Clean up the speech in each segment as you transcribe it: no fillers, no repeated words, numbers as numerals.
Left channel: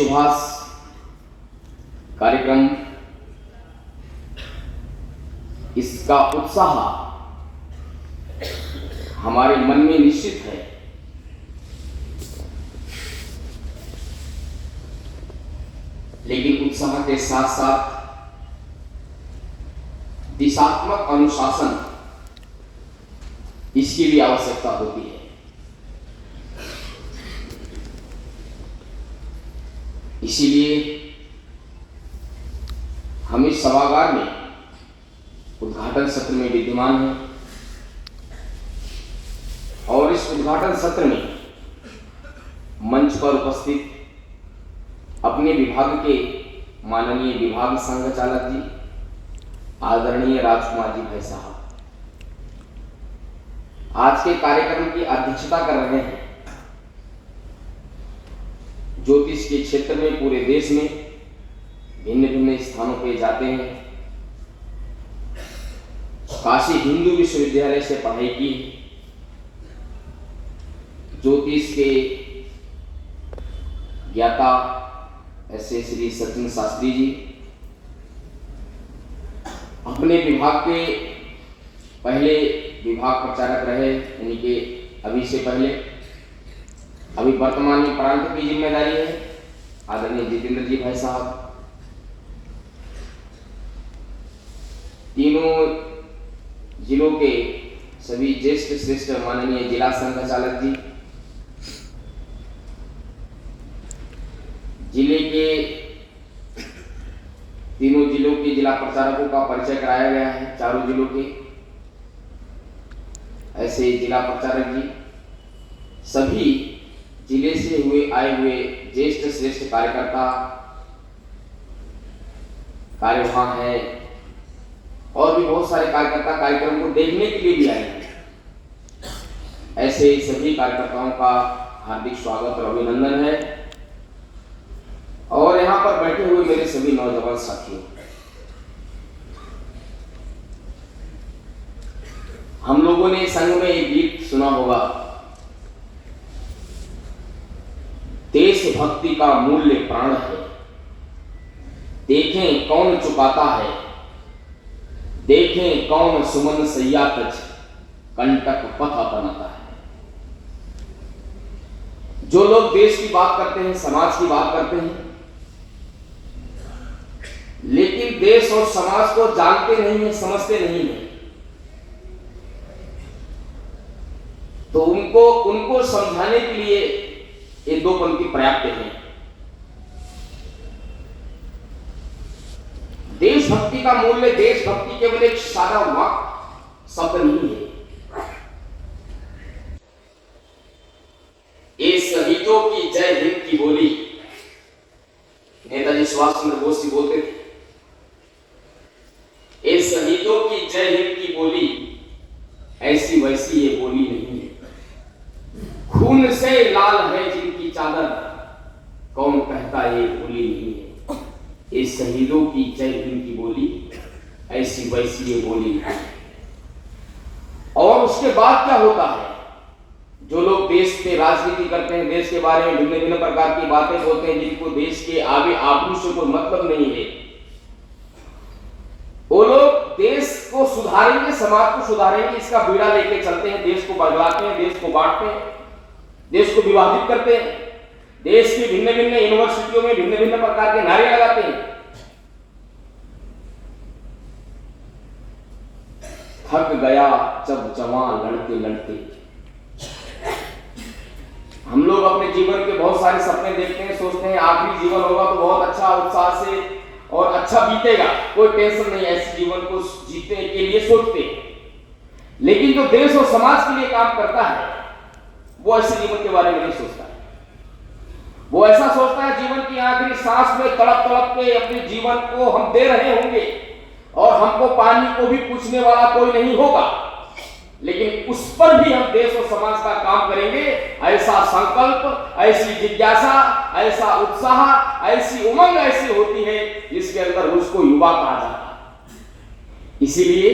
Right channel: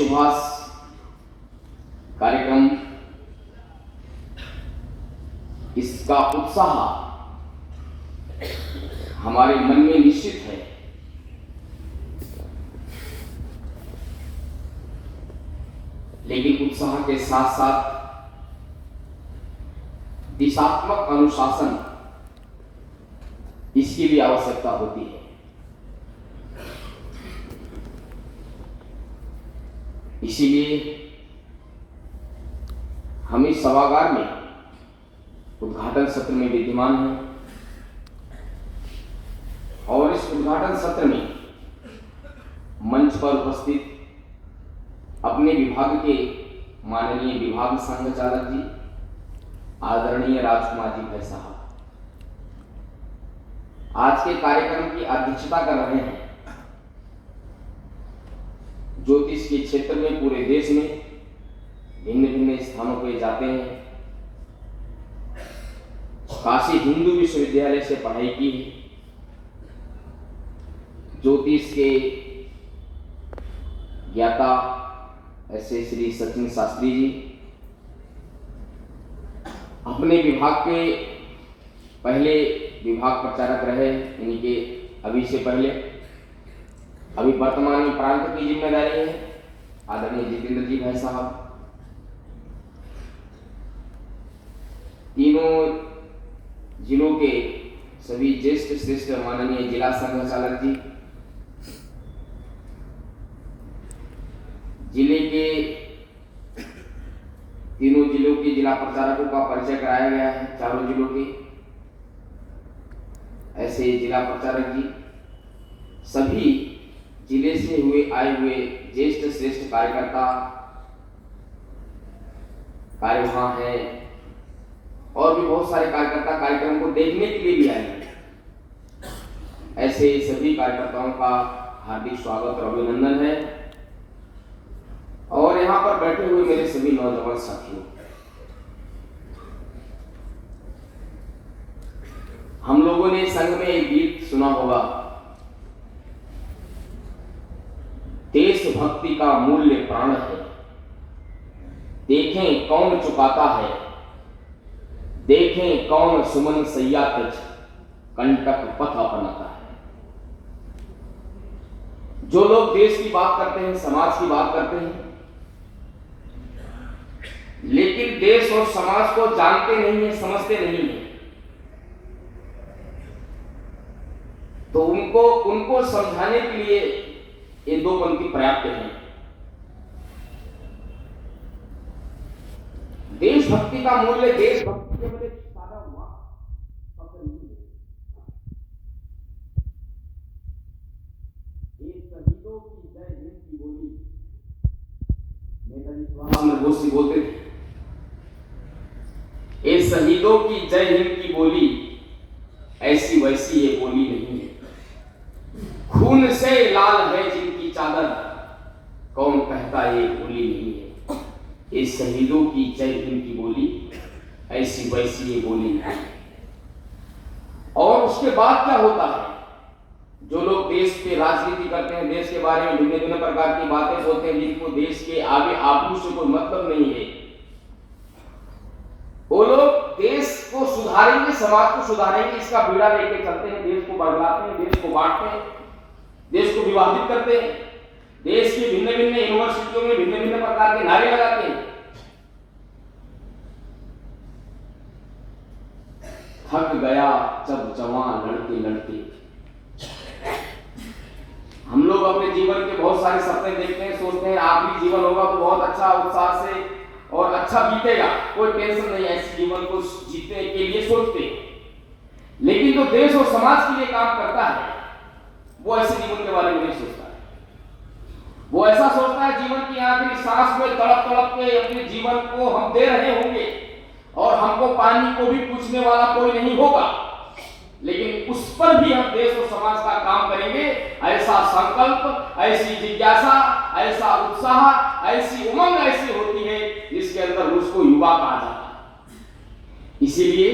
सुभाष कार्यक्रम, इसका उत्साह हमारे मन में निश्चित है। लेकिन उत्साह के साथ साथ दिशात्मक अनुशासन, इसकी भी आवश्यकता होती है। इसीलिए हम इस सभागार में उद्घाटन सत्र में विद्यमान हैं और इस उद्घाटन सत्र में मंच पर उपस्थित अपने विभाग के माननीय विभाग संघचालक जी, आदरणीय राजकुमार जी भाई साहब, आज के कार्यक्रम की अध्यक्षता कर रहे हैं। ज्योतिष के क्षेत्र में पूरे देश में भिन्न भिन्न स्थानों पे जाते हैं। काशी हिंदू विश्वविद्यालय से पढ़ाई की, ज्योतिष के ज्ञाता ऐसे श्री सचिन शास्त्री जी अपने विभाग के पहले विभाग प्रचारक रहे, यानी कि अभी से पहले, अभी वर्तमान में प्रांत की जिम्मेदारी है आदरणीय जितेंद्र जी भाई साहब। तीनों जिलों के सभी ज्येष्ठ श्रेष्ठ माननीय जिला संघचालक जी, जिले के तीनों जिलों के जिला प्रचारकों का परिचय कराया गया है, चारों जिलों के ऐसे जिला प्रचारक जी, सभी जिले से आए हुए ज्येष्ठ श्रेष्ठ कार्यकर्ता कार्यवाह है और भी बहुत सारे कार्यकर्ता कार्यक्रम को देखने के लिए भी आए हैं। ऐसे सभी कार्यकर्ताओं का हार्दिक स्वागत और अभिनंदन है। और यहाँ पर बैठे हुए मेरे सभी नौजवान साथियों, हम लोगों ने संघ में एक गीत सुना होगा, देशभक्ति का मूल्य प्राण है, देखें कौन चुकाता है, देखें कौन सुमन सैया तज कंटक पथ अपनाता है। जो लोग देश की बात करते हैं, समाज की बात करते हैं, लेकिन देश और समाज को जानते नहीं है, समझते नहीं है, तो उनको समझाने के लिए ये दो पंक्ति पर्याप्त है। देशभक्ति का मूल्य, देशभक्ति केवल एक सादा वाक्य शब्द नहीं है, ये शहीदों की जय हिंद की बोली नेताजी सुभाष चंद्र बोस जी बोलते थे। ये शहीदों की जय हिंद की बोली ऐसी वैसी ये बोली नहीं है, खून से लाल है जिनकी चादर, कौन कहता ये बोली नहीं है। ये शहीदों की जय हिंद की बोली ऐसी वैसी ये बोली नहीं है। और उसके बाद क्या होता है, जो लोग देश पे राजनीति करते हैं, देश के बारे में भिन्न भिन्न प्रकार की बातें बोलते हैं, जिनको देश के आगे आबरू से कोई मतलब नहीं है, वो लोग देश को सुधारेंगे, समाज को सुधारेंगे, इसका बीड़ा लेके चलते हैं, देश को बदलाते हैं, देश को बांटते हैं, देश को विभाजित करते हैं, देश की भिन्न भिन्न यूनिवर्सिटियों में भिन्न भिन्न प्रकार के नारे लगाते हैं। थक गया जब जवान लड़ते लड़ते। हम लोग अपने जीवन के बहुत सारे सपने देखते हैं, सोचते हैं आखिरी जीवन होगा तो बहुत अच्छा उत्साह से और अच्छा बीतेगा, कोई टेंशन नहीं, ऐसे जीवन को जीतने के लिए सोचते हैं। लेकिन जो देश और समाज के लिए काम करता है, वो ऐसे जीवन के बारे में नहीं सोचता है। वो ऐसा सोचता है जीवन की आखिरी सांस में तड़प तड़प के अपने जीवन को हम दे रहे होंगे और हमको पानी को भी पूछने वाला कोई नहीं होगा, लेकिन उस पर भी हम देश और समाज का काम करेंगे, ऐसा संकल्प, ऐसी जिज्ञासा, ऐसा उत्साह, ऐसी उमंग ऐसी होती है जिसके अंदर उसको युवा कहा जाता है। इसीलिए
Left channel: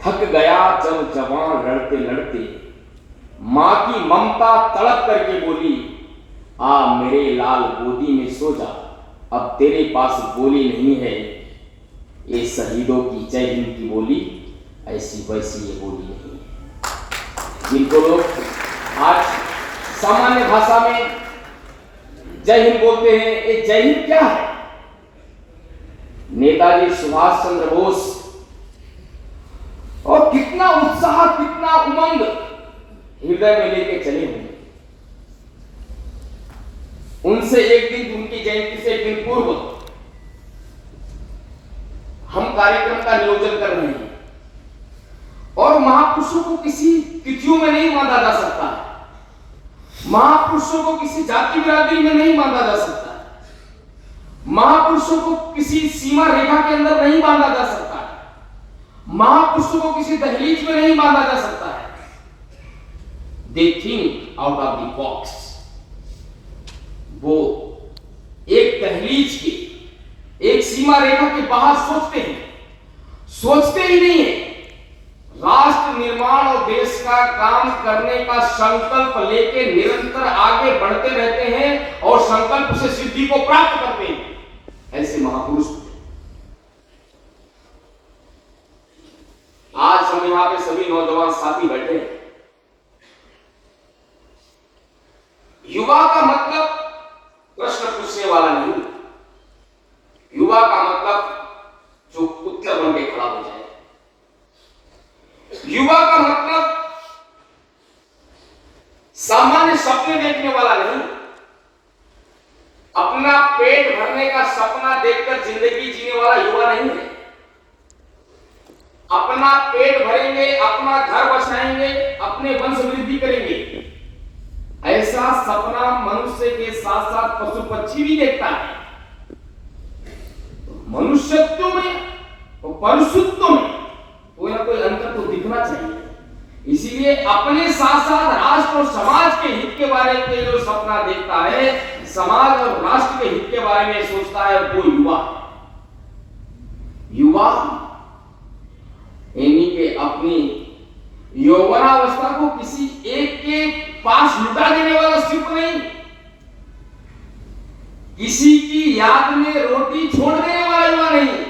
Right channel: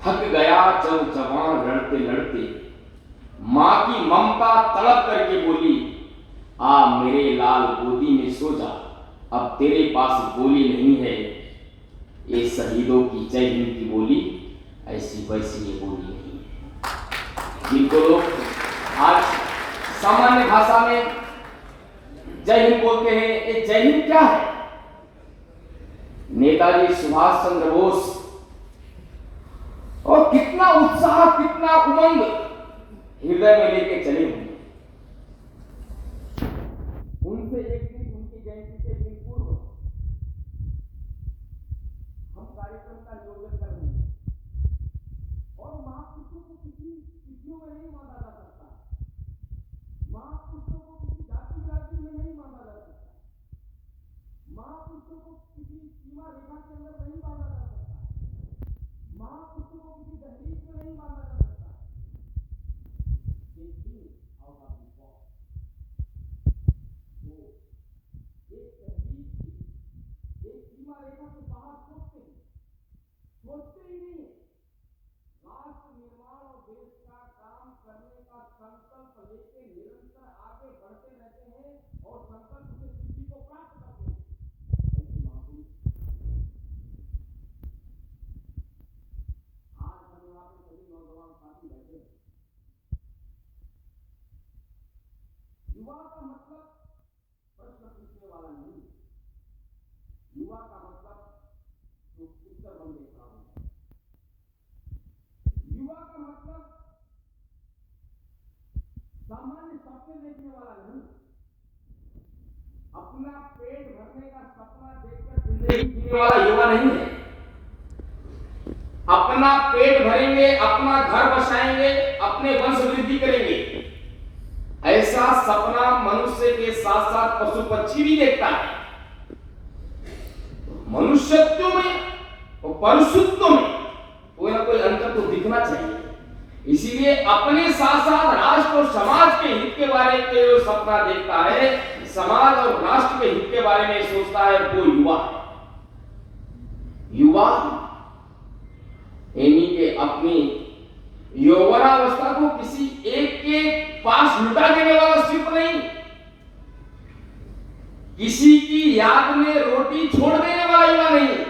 थक गया जब जवान लड़ते लड़ते, मां की ममता तड़प करके बोली, आ मेरे लाल गोदी में सो जा, अब तेरे पास बोली नहीं है, ये शहीदों की जय हिंद की बोली ऐसी वैसी ये बोली नहीं है। जिनको लोग आज सामान्य भाषा में जय हिंद बोलते हैं, ये जय हिंद क्या है? नेताजी सुभाष चंद्र बोस और कितना उत्साह, कितना उमंग हृदय में लेके चले होंगे। उनसे एक दिन, उनकी जयंती से एक दिन पूर्व हम कार्यक्रम का नियोजन कर रहे हैं और महापुरुषों को किसी तिथियों में नहीं बांधा जा सकता है, महापुरुषों को किसी जाति बिरादरी में नहीं बांधा जा सकता है, महापुरुषों को किसी सीमा रेखा के अंदर नहीं बांधा जा सकता है, महापुरुषों को किसी दहलीज में नहीं बांधा जा सकता है। They think out of the box. वो एक दहलीज के, एक सीमा रेखा के बाहर सोचते हैं, सोचते ही नहीं है, राष्ट्र निर्माण और देश का काम करने का संकल्प लेके निरंतर आगे बढ़ते रहते हैं और संकल्प से सिद्धि को प्राप्त करते हैं। ऐसे महापुरुष आज हम यहां पे सभी नौजवान साथी बैठे हैं। युवा का मतलब प्रश्न पूछने वाला नहीं, युवा का मतलब जो उत्तर बन के खड़ा हो जाए, युवा का मतलब सामान्य सपने देखने वाला नहीं, अपना पेट भरने का सपना देखकर जिंदगी जीने वाला युवा नहीं है। अपना पेट भरेंगे, अपना घर बसाएंगे, अपने वंश वृद्धि करेंगे, ऐसा सपना मनुष्य के साथ साथ पशु पक्षी भी देखता है। मनुष्यत्व में और पशुत्व में कोई ना कोई अंतर तो दिखना चाहिए। इसीलिए अपने साथ साथ राष्ट्र और समाज के हित के बारे में जो सपना देखता है, समाज और राष्ट्र के हित के बारे में सोचता है, वो युवा है। युवा यानी कि अपनी यौवनावस्था को किसी एक के पास लुटा देने वाला सिर्फ नहीं, किसी की याद में रोटी छोड़ देने वाला युवा नहीं।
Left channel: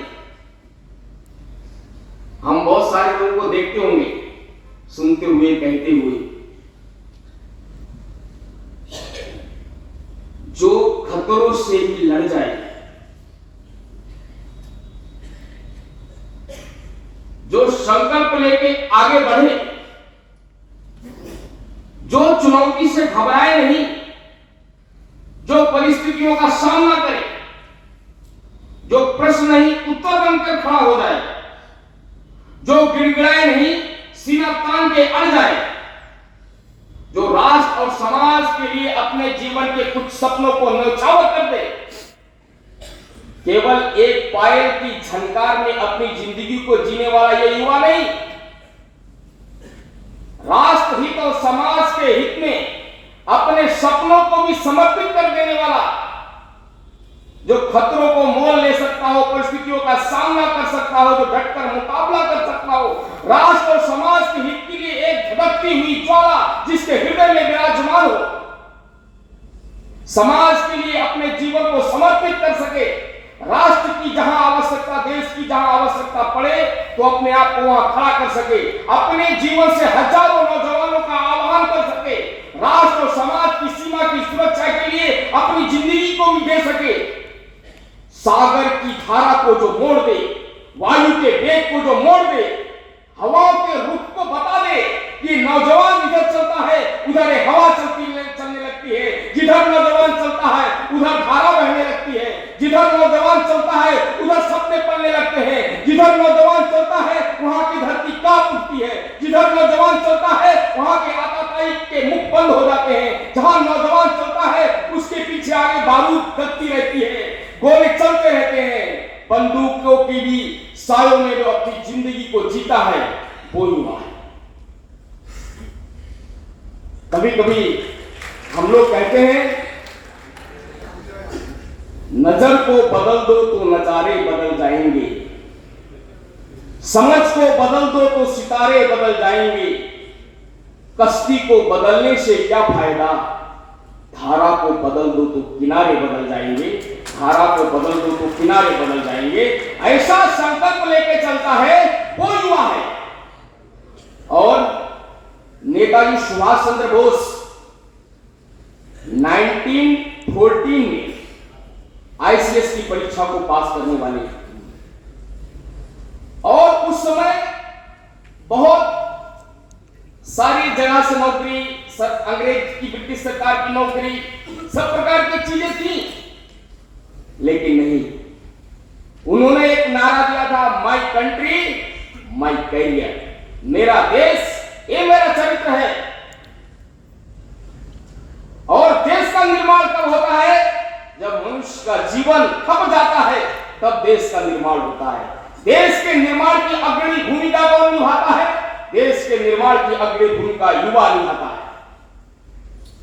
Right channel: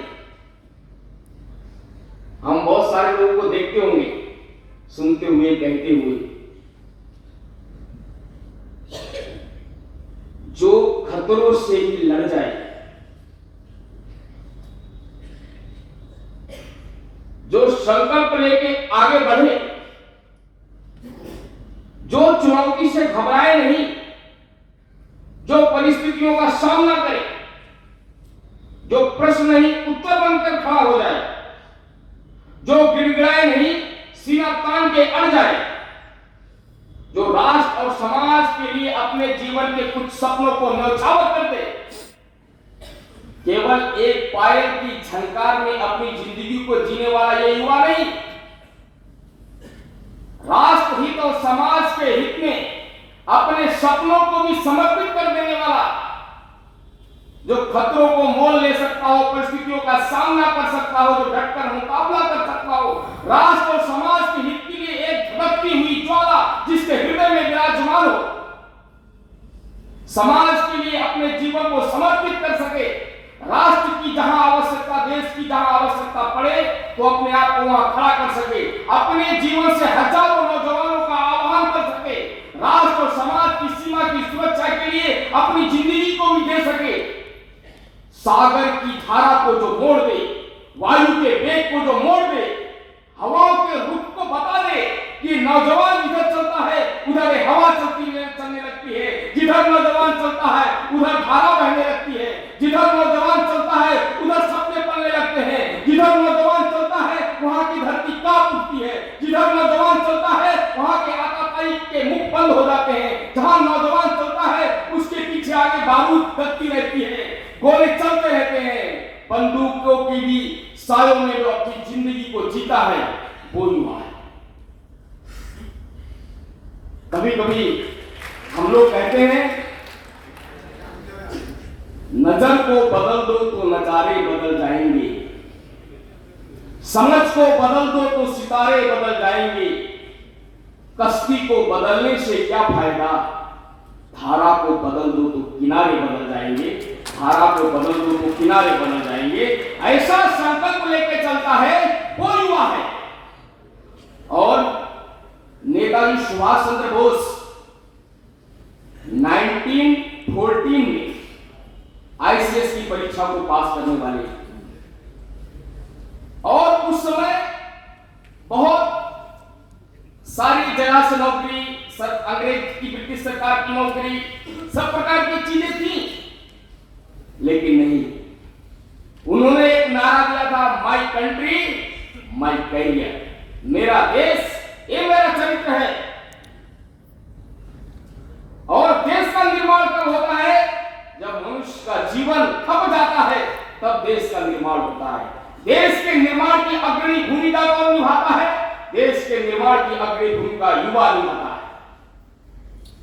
हम बहुत सारे लोगों को देखते होंगे, सुनते हुए, कहते हुए, जो खतरों से भी लड़ जाए, जो संकल्प लेके आगे बढ़े, जो चुनौती से घबराए नहीं, जो परिस्थितियों का सामना करे, जो प्रश्न नहीं उत्तर बनकर खड़ा हो जाए, जो गिड़गिड़ाए नहीं, सीना तान के अड़ जाए, जो राष्ट्र और समाज के लिए अपने जीवन के कुछ सपनों को न्यौछावर कर दे, केवल एक पायल की झनकार में अपनी जिंदगी को जीने वाला ये युवा नहीं, राष्ट्र हित और समाज के हित में अपने सपनों को भी समर्पित कर देने वाला, जो खतरों को मोल ले सकता हो, परिस्थितियों का सामना कर सकता हो, जो डटकर मुकाबला कर सकता हो, राष्ट्र और समाज के हित के लिए एक धड़कती हुई ज्वाला जिसके हृदय में विराजमान हो, समाज के लिए अपने जीवन को समर्पित कर सके, राष्ट्र की जहां आवश्यकता, देश की जहां आवश्यकता पड़े तो अपने आप को वहां खड़ा कर सके, अपने जीवन से हजारों नौजवानों का आह्वान कर सके, राष्ट्र और समाज की सीमा की सुरक्षा के लिए अपनी जिंदगी को भी दे सके, सागर की धारा को जो मोड़ दे, वायु के वेग को जो मोड़ दे, हवाओं के रुख को बता दे कि नौजवान इधर चलता है उधर हवा चलने लगती है, जिधर नौजवान चलता है उधर धारा बहने लगती है, जिधर नौजवान चलता है उधर सपने पलने लगते हैं, जिधर नौजवान चलता है वहां की धरती कांप उठती है, जिधर नौजवान चलता है वहां के आतताई के मुख बंद हो जाते हैं, जहां नौजवान चलता है उसके पीछे आगे बारूद लगती रहती है, गोले चलते रहते हैं, बंदूकों की भी सायों में जो अपनी जिंदगी को जीता है वो युवा है। कभी कभी हम लोग कहते हैं नजर को बदल दो तो नजारे बदल जाएंगे, समझ को बदल दो तो सितारे बदल जाएंगे, कश्ती को बदलने से क्या फायदा, धारा को बदल दो तो किनारे बदल जाएंगे, धारा को बदल दो तो किनारे बदल जाएंगे, ऐसा संकल्प लेके चलता है वो युवा है। और नेताजी सुभाष चंद्र बोस 1914 में आईसीएस की परीक्षा को पास करने वाले, और उस समय बहुत सारी जगह से नौकरी, अंग्रेज की ब्रिटिश सरकार की नौकरी, सब प्रकार की चीजें थी, लेकिन नहीं, उन्होंने एक नारा दिया था, माई कंट्री माई कैरियर, मेरा देश ये मेरा चरित्र है। और देश का निर्माण कब होता है? जब मनुष्य का जीवन थम जाता है, तब देश का निर्माण होता है। देश के निर्माण की अग्रणी भूमिका कौन निभाता है? देश के निर्माण की अग्रणी भूमिका युवा निभाता है।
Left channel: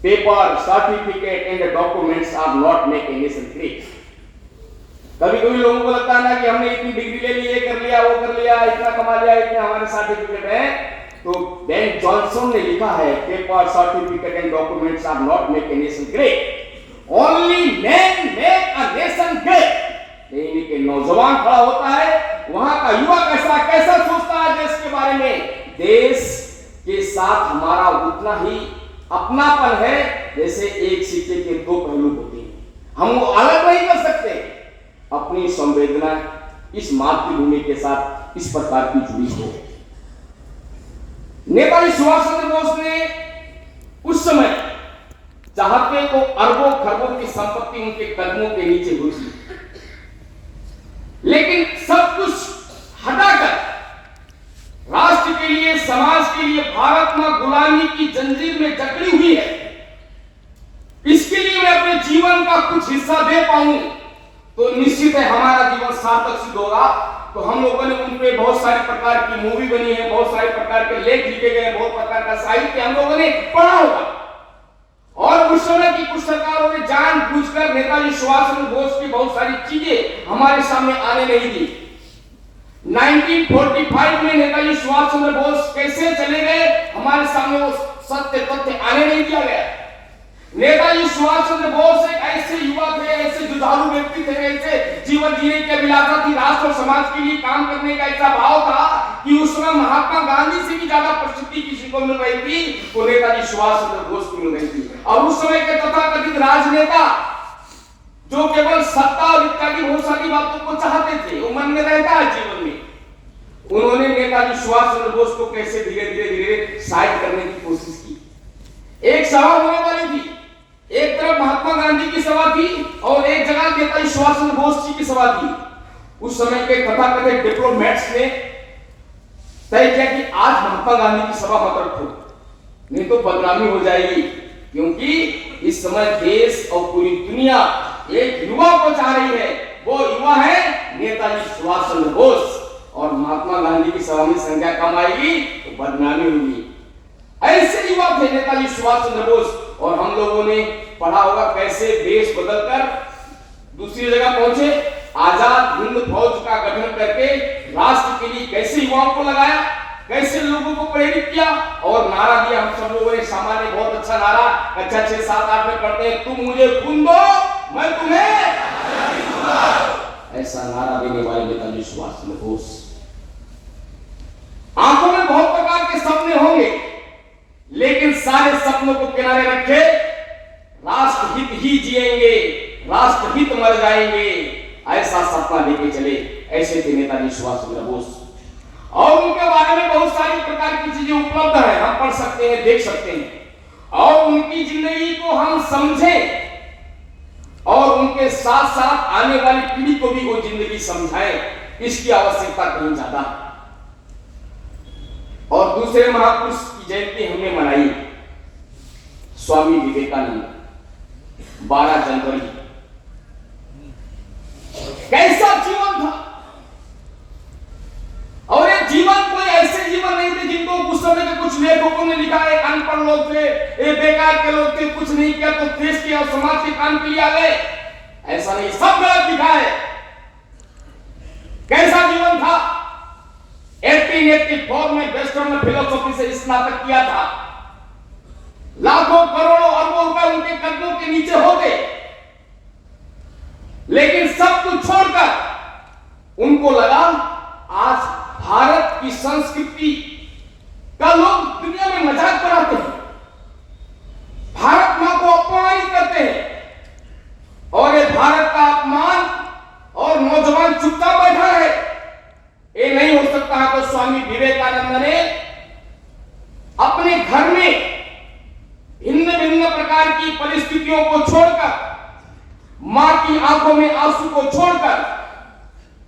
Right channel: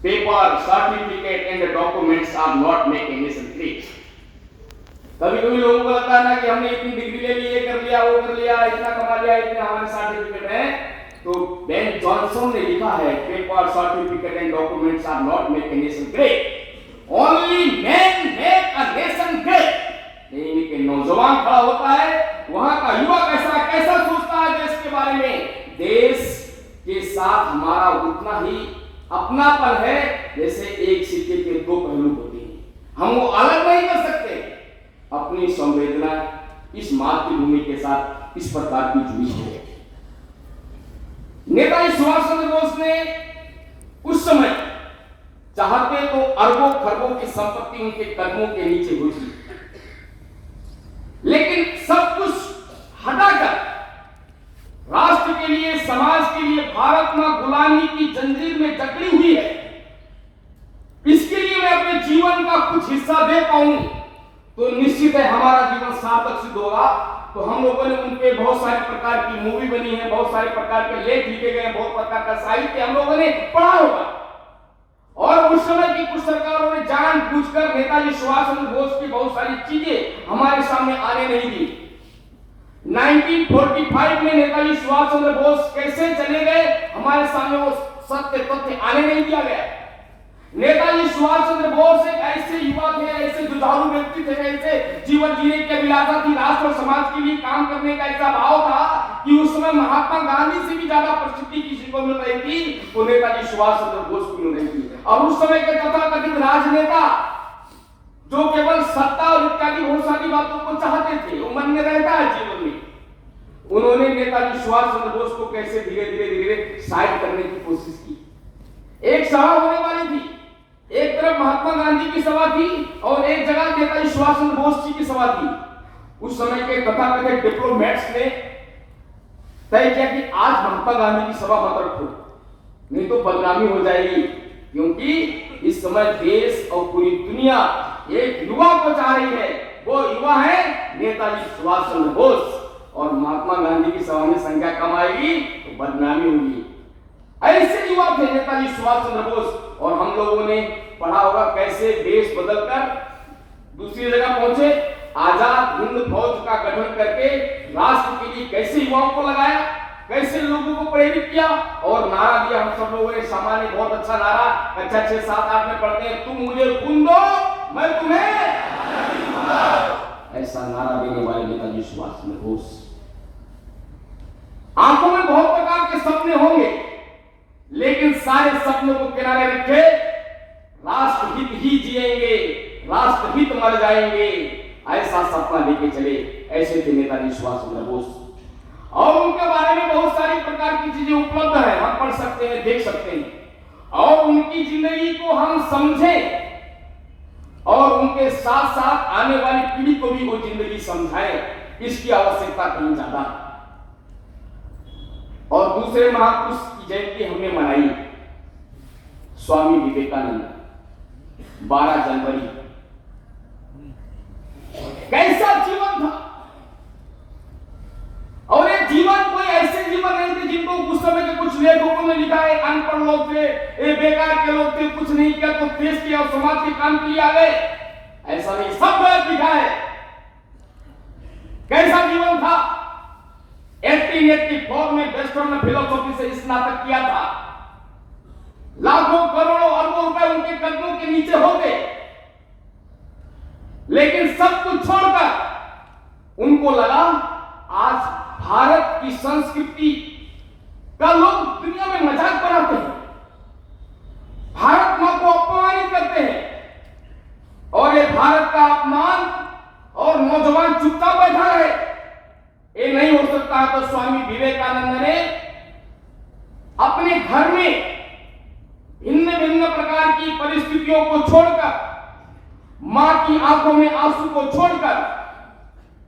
Paper, certificate and documents are not make a nation great. कभी कभी लोगों को लगता है ना कि हमने इतनी डिग्री ले ली, ये कर लिया, वो कर लिया, इतना कमा लिया, इतने हमारे सर्टिफिकेट है। तो बेन जॉनसन ने लिखा है, paper, certificate and documents are not make a nation great, only man make a nation great. यानी कि नौजवान खड़ा होता है, वहां का युवा कैसा सोचता है देश के बारे में, देश के साथ हमारा उतना ही अपनापन है जैसे एक सिक्के के दो पहलू होते हैं, हम वो अलग नहीं कर सकते। अपनी संवेदना इस मातृभूमि के साथ इस प्रकार की जुड़ी है। नेताजी सुभाष चंद्र बोस ने उस समय चाहते तो अरबों खरबों की संपत्ति उनके कदमों के नीचे हुई थी, लेकिन सब कुछ हटाकर राष्ट्र के लिए, समाज के लिए भारत मां गुलामी की जंजीर में जकड़ी हुई है, इसके लिए मैं अपने जीवन का कुछ हिस्सा दे पाऊं तो निश्चित है हमारा जीवन सार्थक सिद्ध होगा। तो हम लोगों ने उन पे बहुत सारे प्रकार की मूवी बनी है, बहुत सारे प्रकार के लेख लिखे गए, बहुत प्रकार का साहित्य हम लोगों ने पढ़ा होगा। और उस समय की कुछ सरकारों ने जानबूझकर नेताजी सुभाष चंद्र बोस की बहुत सारी चीजें हमारे सामने आने नहीं दी। 1945 में नेताजी सुभाष चंद्र बोस कैसे चले गए, हमारे सामने वो सत्य तथ्य आने नहीं दिया गया। नेताजी सुभाष चंद्र बोस एक ऐसे युवा थे, ऐसे जुझारू व्यक्ति थे, ऐसे जीवन जीने की अभिलाषा थी, राष्ट्र और समाज के लिए काम करने का ऐसा भाव था कि उस समय महात्मा गांधी से भी ज्यादा प्रसिद्धि किसी को मिल रही थी तो नेताजी सुभाष चंद्र बोस को मिल रही थी। और उस समय के तथाकथित राजनेता जो केवल सत्ता और इत्यादि बहुत सारी बातों को चाहते थे, वो मन में रहता है जीवन में, उन्होंने नेताजी सुभाष चंद्र बोस को कैसे धीरे धीरे साइड करने की कोशिश की। एक सभा होने वाली थी, एक तरफ महात्मा गांधी की सभा थी और एक जगह नेताजी सुभाष चंद्र बोस जी की सभा थी। उस समय के तथाकथित डिप्लोमेट्स ने तय किया कि आज महात्मा गांधी की सभा मत रखो, नहीं तो बदनामी हो जाएगी, क्योंकि इस समय देश और पूरी दुनिया एक युवा को चाह रही है, वो युवा है नेताजी सुभाष चंद्र बोस। और महात्मा गांधी की सभा में संख्या कम आएगी तो बदनामी होगी। ऐसे युवा थे नेताजी सुभाष चंद्र बोस। और हम लोगों ने पढ़ा होगा कैसे देश बदलकर दूसरी जगह पहुंचे, आजाद हिंद फौज का गठन करके राष्ट्र के लिए कैसे युवाओं को लगाया, कैसे लोगों को प्रेरित किया और नारा दिया। हम सब लोगों ने सामान्य बहुत अच्छा नारा कक्षा 6, 7, 8 में पढ़ते हैं, तुम मुझे खून दो मैं तुम्हें, ऐसा नारा देने वाले नेताजी सुभाष चंद्र बोस। आंखों में बहुत प्रकार के सपने होंगे, लेकिन सारे सपनों को किनारे रखे, राष्ट्रहित ही जिएंगे, राष्ट्रहित मर जाएंगे, ऐसा सपना लेके चले। ऐसे थे नेताजी सुभाष चंद्र बोस। और उनके बारे में बहुत सारी प्रकार की चीजें उपलब्ध है, हम पढ़ सकते हैं, देख सकते हैं। और उनकी जिंदगी को हम समझें और उनके साथ साथ आने वाली पीढ़ी को भी वो जिंदगी समझाएं, इसकी आवश्यकता कहीं ज्यादा। और दूसरे महापुरुष की जयंती हमने मनाई, स्वामी विवेकानंद, 12 जनवरी। कैसा जीवन था, और ये जीवन कोई ऐसे जीवन नहीं थे जिनको उस समय के कुछ लेखकों ने लिखा है अनपढ़ लोग थे, ये बेकार के लोग थे, कुछ नहीं किया तो देश के और समाज के काम के लिए आ गए, ऐसा नहीं, सब गलत लिखा है। कैसा जीवन था, 1884 में वेस्टर्न फिलोसॉफी से स्नातक किया था, लाखों करोड़ों अरबों रुपए उनके कदमों के नीचे होते, लेकिन सब कुछ छोड़कर उनको लगा आज भारत की संस्कृति का लोग दुनिया में मजाक बनाते हैं, भारत मां को अपमानित करते हैं, और ये भारत का अपमान और नौजवान चुपचाप बैठा है। ये नहीं हो सकता है। तो स्वामी विवेकानंद ने अपने घर में भिन्न भिन्न प्रकार की परिस्थितियों को छोड़कर, मां की आंखों में आंसू को छोड़कर,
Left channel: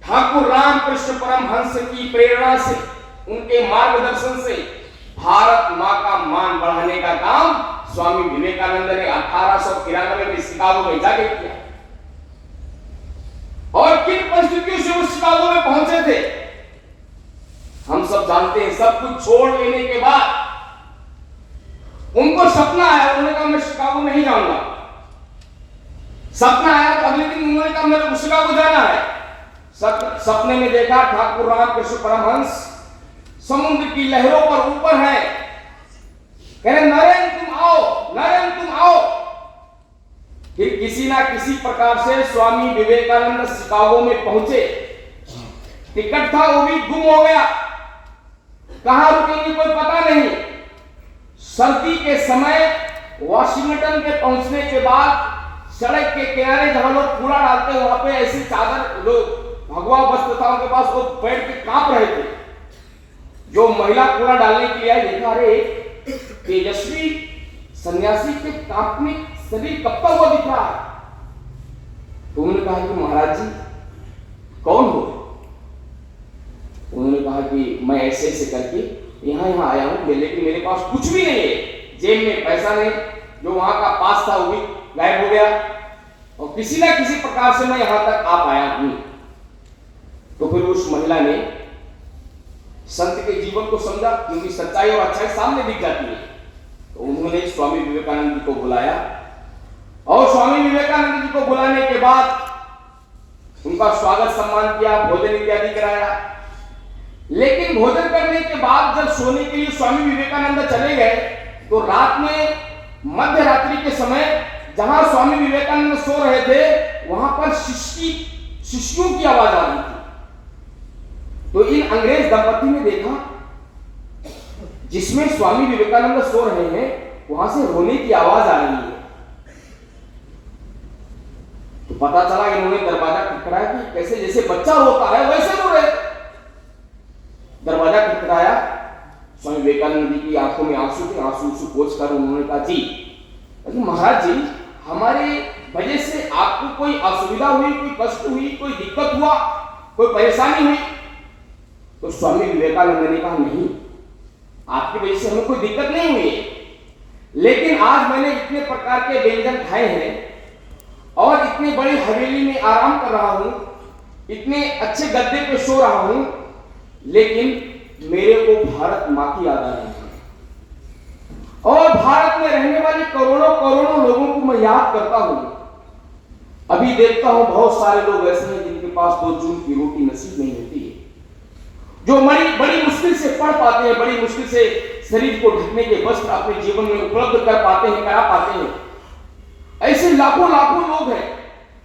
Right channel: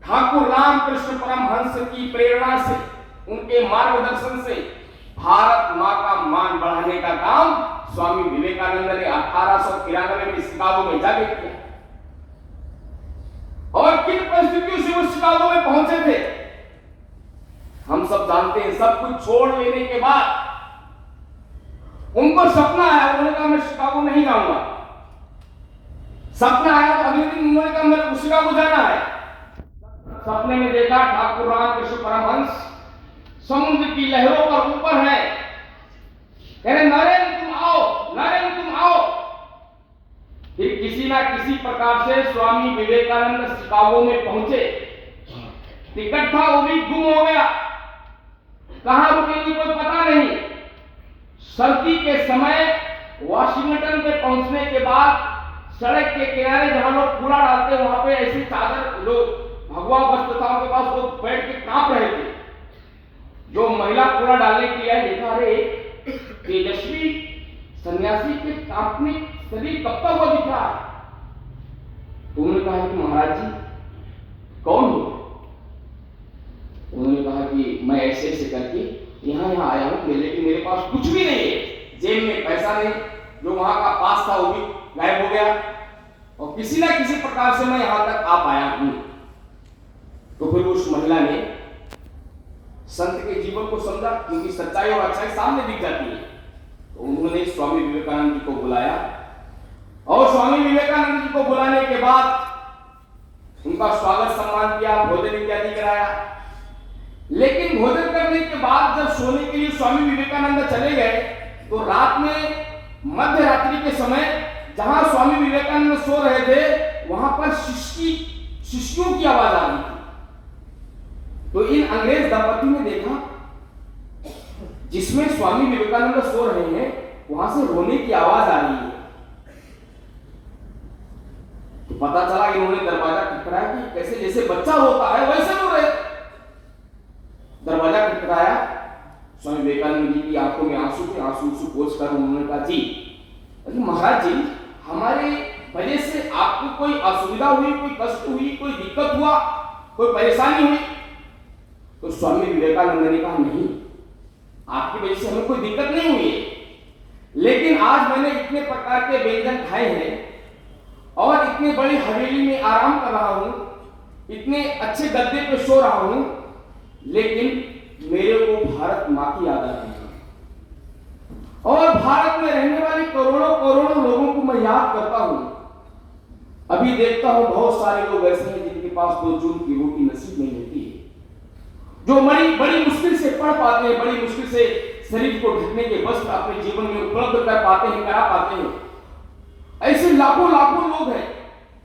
ठाकुर रामकृष्ण परमहंस की प्रेरणा से, उनके मार्गदर्शन से भारत मां का मान बढ़ाने का काम स्वामी विवेकानंद ने 1893 में शिकागो में जाके किया। और किन परिस्थितियों से वो शिकागो में पहुंचे थे हम सब जानते हैं। सब कुछ छोड़ लेने के बाद उनको सपना आया, उन्होंने कहा मैं शिकागो नहीं जाऊंगा। सपना आया तो अगले दिन उन्होंने कहा मुझे शिकागो जाना है। सपने में देखा ठाकुर रामकृष्ण परमहंस समुद्र की लहरों पर ऊपर है, कह रहे नरेंद्र तुम आओ, नरेंद्र तुम आओ। फिर किसी ना किसी प्रकार से स्वामी विवेकानंद शिकागो में पहुंचे। टिकट था वो भी गुम हो गया, कहां रुकेंगे कोई पता नहीं। सर्दी के समय वाशिंगटन पे पहुंचने के बाद सड़क के किनारे जहां लोग कूड़ा डालते वहां पे ऐसे चादर लोग भगवा वस्त्र था उनके पास, वो बैठ के कांप रहे थे। जो महिला कूड़ा डालने के लिए आई, देखा अरे तेजस्वी सन्यासी के कांपने शरीर कपता हुआ दिख रहा है। तो उन्होंने कहा कि महाराज जी कौन हो? उन्होंने कहा कि मैं ऐसे ऐसे करके यहाँ आया हूं, लेकिन मेरे पास कुछ भी नहीं है, जेब में पैसा नहीं, जो वहां का पास था वो भी गायब हो गया, और किसी ना किसी प्रकार से मैं यहां तक आ पाया हूं। तो फिर उस महिला ने संत के जीवन को समझा, क्योंकि सच्चाई और अच्छाई सामने दिख जाती है। तो उन्होंने स्वामी विवेकानंद जी को बुलाया, और स्वामी विवेकानंद जी को बुलाने के बाद उनका स्वागत सम्मान किया, भोजन इत्यादि कराया। लेकिन भोजन करने के बाद जब सोने के लिए स्वामी विवेकानंद चले गए, तो रात में मध्य रात्रि के समय जहां स्वामी विवेकानंद सो रहे थे वहां पर शिष्यों की आवाज आ रही थी। तो इन अंग्रेज दंपति ने देखा जिसमें स्वामी विवेकानंद सो रहे हैं वहां से रोने की आवाज आ रही है। तो पता चला इन्होंने दरवाजा खटखटाया कि कैसे जैसे बच्चा रोता है वैसे रो रहे। दरवाजा खटखटाया, स्वामी विवेकानंद जी की आंखों में आंसू थे, आंसू पोंछ कर उन्होंने कहा जी महाराज जी हमारे वजह से आपको कोई असुविधा हुई, कोई कष्ट हुई, कोई दिक्कत हुआ, कोई परेशानी हुई? तो स्वामी विवेकानंद ने कहा नहीं, आपकी वजह से हमें कोई दिक्कत नहीं हुई, लेकिन आज मैंने इतने प्रकार के व्यंजन खाए हैं और इतनी बड़ी हवेली में आराम कर रहा हूं, इतने अच्छे गद्दे पे सो रहा हूं, लेकिन मेरे को भारत मां की याद आ रही है, और भारत में रहने वाले करोड़ों करोड़ों लोगों को मैं याद करता हूं। अभी देखता हूं बहुत सारे लोग ऐसे हैं जिनके पास 2 जून की रोटी नसीब नहीं होती है, जो बड़ी मुश्किल से पढ़ पाते हैं, बड़ी मुश्किल से शरीर को ढकने के वस्त्र अपने जीवन में उपलब्ध कर पाते हैं, करा पाते हैं। ऐसे लाखों लाखों लोग हैं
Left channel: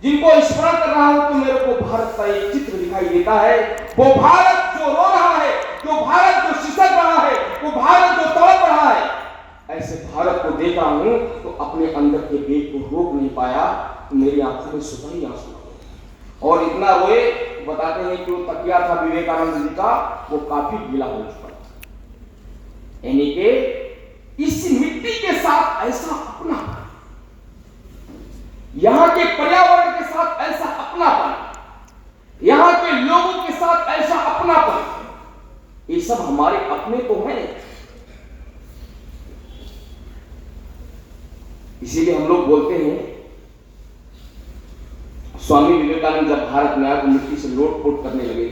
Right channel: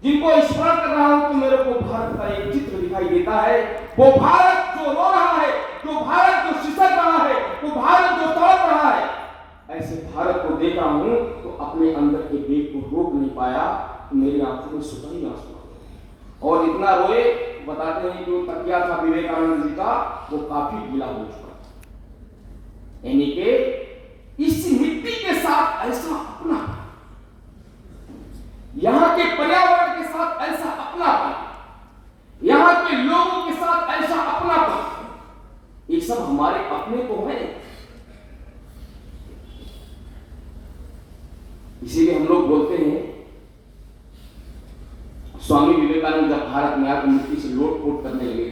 जिनको स्मरण कर रहा हूं तो मेरे को भारत का एक चित्र दिखाई देता है। वो भारत जो रो रहा है, जो भारत जो सिसक रहा है, वो भारत जो तड़प रहा है, ऐसे भारत को देखा हूं तो अपने अंदर के वेग को रोक नहीं पाया। मेरी आंखों में स्वतः ही आंसू आ गए और इतना रोए, बताते हैं कि वो तकिया था विवेकानंद जी का, वो काफी गीला हो चुका, यानी कि इस मिट्टी के साथ ऐसा अपना, यहां के पर्यावरण के साथ ऐसा अपनापन, यहां के लोगों के साथ ऐसा अपनापन, ये सब हमारे अपने तो हैं। इसीलिए हम लोग बोलते हैं स्वामी विवेकानंद जब भारत में आकर मिट्टी से लोट-पोट करने लगे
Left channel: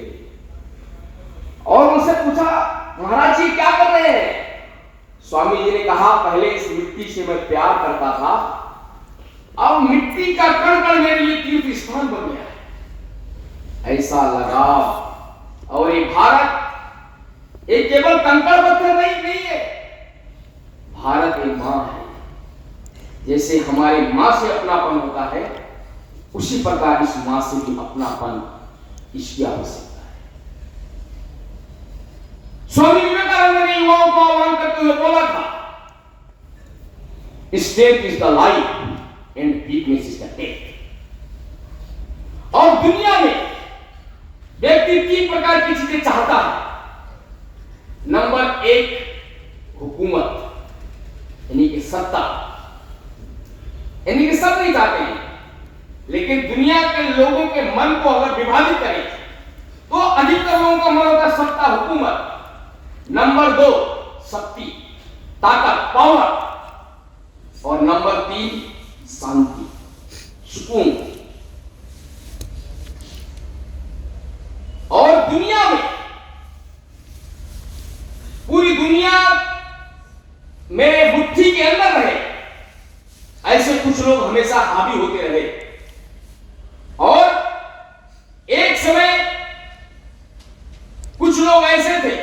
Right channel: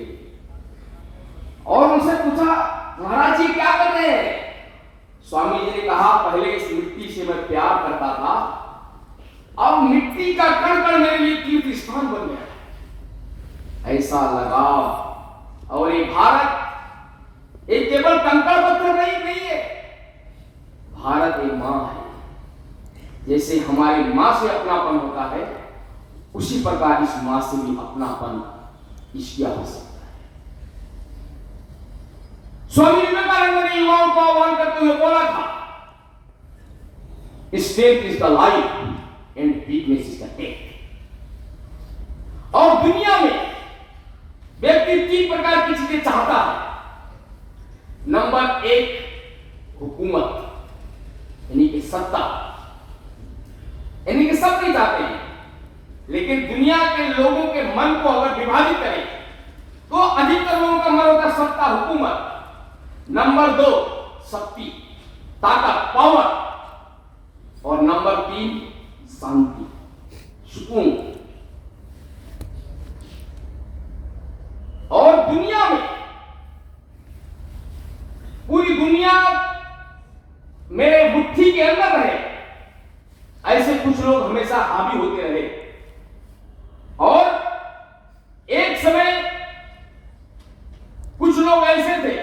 और उनसे पूछा महाराज जी क्या कर रहे हैं? स्वामी जी ने कहा पहले इस मिट्टी से मैं प्यार करता था, अब मिट्टी का कण कण मेरे लिए तीर्थ स्थान बन गया है। ऐसा लगाव। और ये भारत एक केवल कंकड़ पत्थर नहीं है, भारत एक मां है, जैसे हमारे माँ से अपनापन होता है, उसी प्रकार इस माँ से भी अपनापन इसकी आवश्यकता है। स्वामी विवेकानंद ने युवाओं को आह्वान करते हुए बोला था, strength is the life and weakness is the death. और दुनिया में व्यक्ति 3 प्रकार की चीजें चाहता है। नंबर 1 हुकूमत, यानी कि सत्ता, यानी कि सब नहीं चाहते हैं, लेकिन दुनिया के लोगों के मन को अगर विभाजित करें तो अधिकतर लोगों का मन होता है सत्ता, हुकूमत। नंबर 2 शक्ति, ताकत, पावर। और नंबर 3 शांति, सुकून। और दुनिया में, पूरी दुनिया मेरे मुट्ठी के अंदर रहे, ऐसे कुछ लोग हमेशा हावी होते रहे। और एक समय कुछ लोग ऐसे थे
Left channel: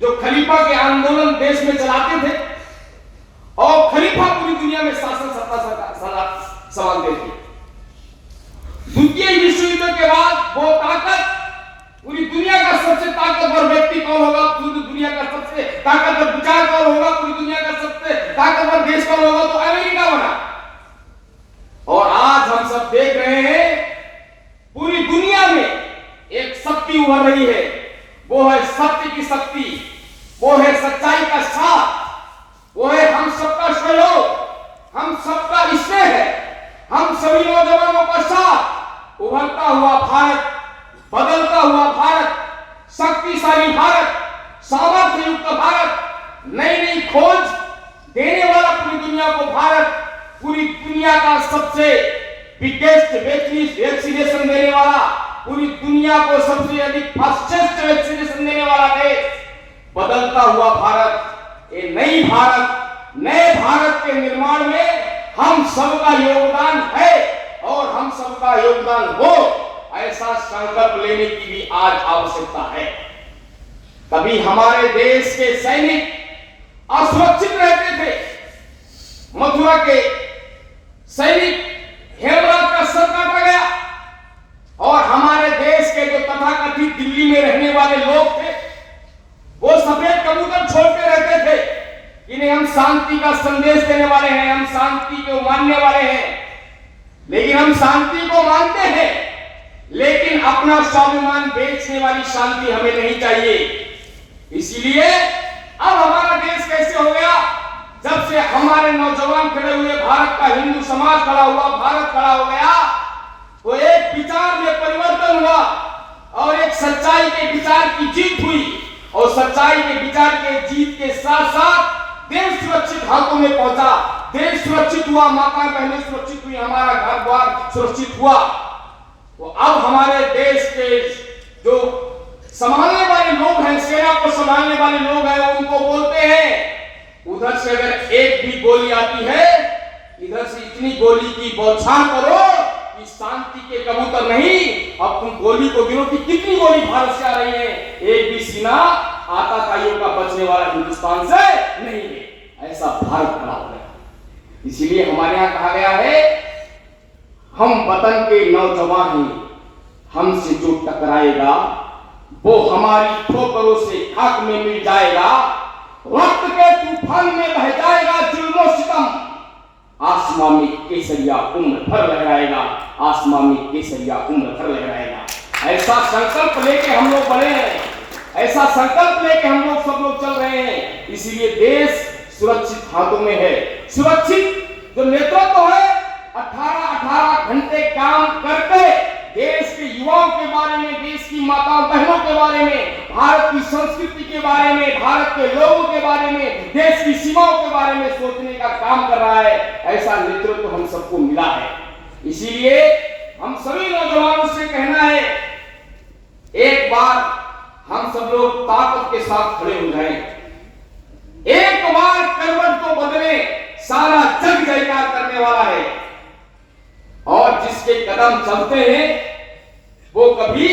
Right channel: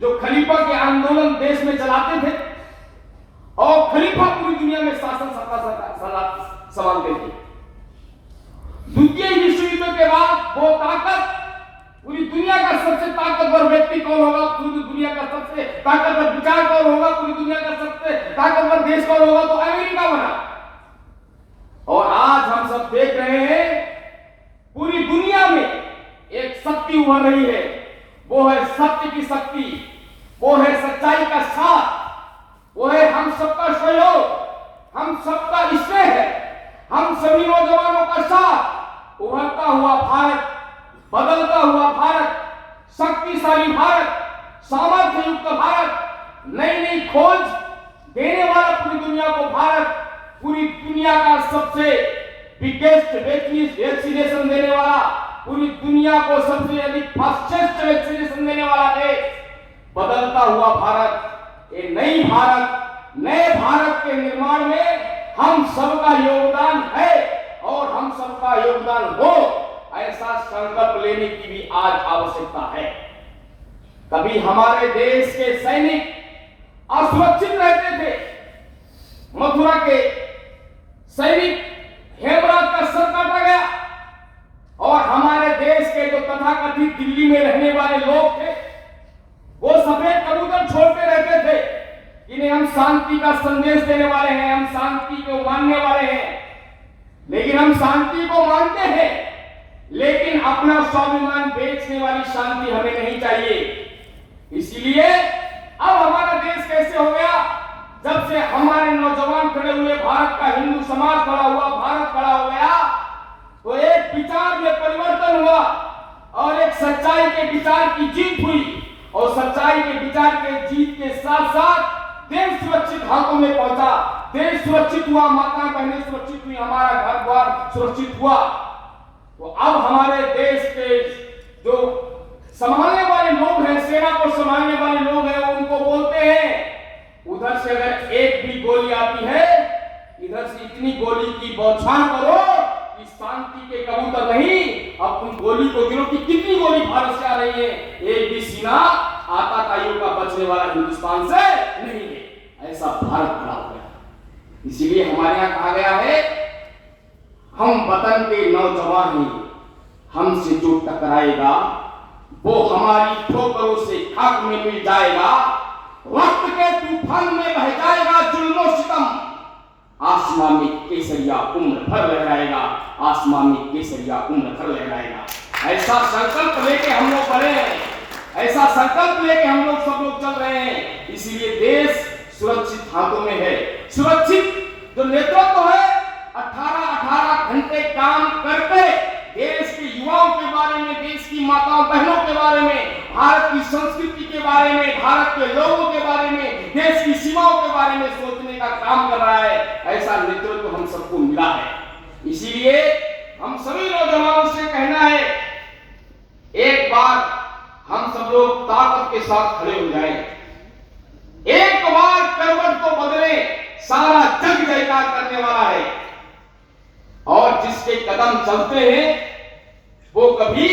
जो खलीफा के आंदोलन देश में चलाते थे और खलीफा पूरी दुनिया में शासन सत्ता संभालते थे। द्वितीय विश्व युद्ध के बाद वो ताकत, पूरी दुनिया का सबसे ताकतवर व्यक्ति कौन होगा, पूरी दुनिया का सबसे ताकतवर विचार कौन होगा, पूरी दुनिया का सबसे ताकतवर देश कौन होगा, तो अमेरिका बना। और आज हम सब देख रहे हैं पूरी दुनिया में एक शक्ति उभर रही है, वो है सत्य की शक्ति, वो है सच्चाई का साथ, वो है हम सबका सहयोग, हम सबका स्नेह है, हम सभी नौजवानों का साथ। उभरता हुआ भारत, बदलता हुआ भारत, शक्तिशाली भारत, सामर्थ्य युक्त भारत, नई नई खोज देने वाला पूरी दुनिया को भारत, पूरी दुनिया का सबसे बिगेस्ट वैक्सीनेशन देने वाला, पूरी दुनिया को सबसे अधिक फास्टेस्ट वैक्सीनेशन देने वाला देश, बदलता हुआ भारत, ये नई भारत, नए भारत के निर्माण में हम सबका योगदान है और हम सबका योगदान हो, ऐसा संकल्प लेने की भी आज आवश्यकता है। कभी हमारे देश के सैनिक असुरक्षित रहते थे, मथुरा के सैनिक हेमराज का सर काटा गया, और हमारे देश के जो तथाकथित दिल्ली में रहने वाले लोग थे वो सफेद कबूतर छोड़ते रहते थे कि नहीं हम शांति का संदेश देने वाले हैं, हम शांति को मानने वाले हैं। लेकिन हम शांति को मानते हैं, लेकिन अपना स्वाभिमान बेचने वाली शांति हमें नहीं चाहिए। इसीलिए अब हमारा देश कैसे हो गया, जब से हमारे नौजवान खड़े हुए, भारत का हिंदू समाज खड़ा हुआ, भारत खड़ा हो गया, तो एक विचार में परिवर्तन हुआ और एक सच्चाई के विचार की जीत हुई, और सच्चाई के विचार के जीत के साथ साथ देश सुरक्षित हाथों में पहुंचा, देश सुरक्षित हुआ, माता बहनें सुरक्षित हुई, हमारा घर द्वार सुरक्षित हुआ। तो अब हमारे देश के जो संभालने वाले लोग हैं, सेना को संभालने वाले लोग हैं, उनको बोलते हैं उधर से अगर एक भी गोली आती है, इधर से इतनी गोली की बौछार करो कि शांति के कबूतर नहीं, अब तुम गोली को गिनो कि कितनी गोली भारत से आ रही है, एक भी सीना आतंकियों का बचने वाला हिंदुस्तान से नहीं है। ऐसा भारत बना हो गया। इसीलिए हमारे यहाँ कहा गया है, हम वतन के नौजवान हैं, हमसे जो टकराएगा वो हमारी ठोकरों से खाक में मिल जाएगा, वक्त के तूफान में बह जाएगा जुल्म सितम, आसमां में केसरिया उम्र भर लहराएगा, आसमां में केसरिया उम्र भर लहराएगा। ऐसा संकल्प लेके हम लोग बढ़े हैं, ऐसा संकल्प लेके हम लोग सब लोग चल रहे हैं। इसीलिए देश सुरक्षित हाथों में है। सुरक्षित जो नेतृत्व है, 18-18 घंटे काम करके देश के युवाओं के बारे में, देश की माताओं बहनों के बारे में, भारत की संस्कृति के बारे में, भारत के लोगों के बारे में, देश की सीमाओं के बारे में सोचने का काम कर रहा है। ऐसा नेतृत्व हम सबको मिला है। इसीलिए हम सभी नौजवानों से कहना है, एक बार हम सब लोग ताकत के साथ खड़े हो जाएं, एक बार करवट को बदले, सारा जग जयकार करने वाला है, और जिसके कदम चलते हैं वो कभी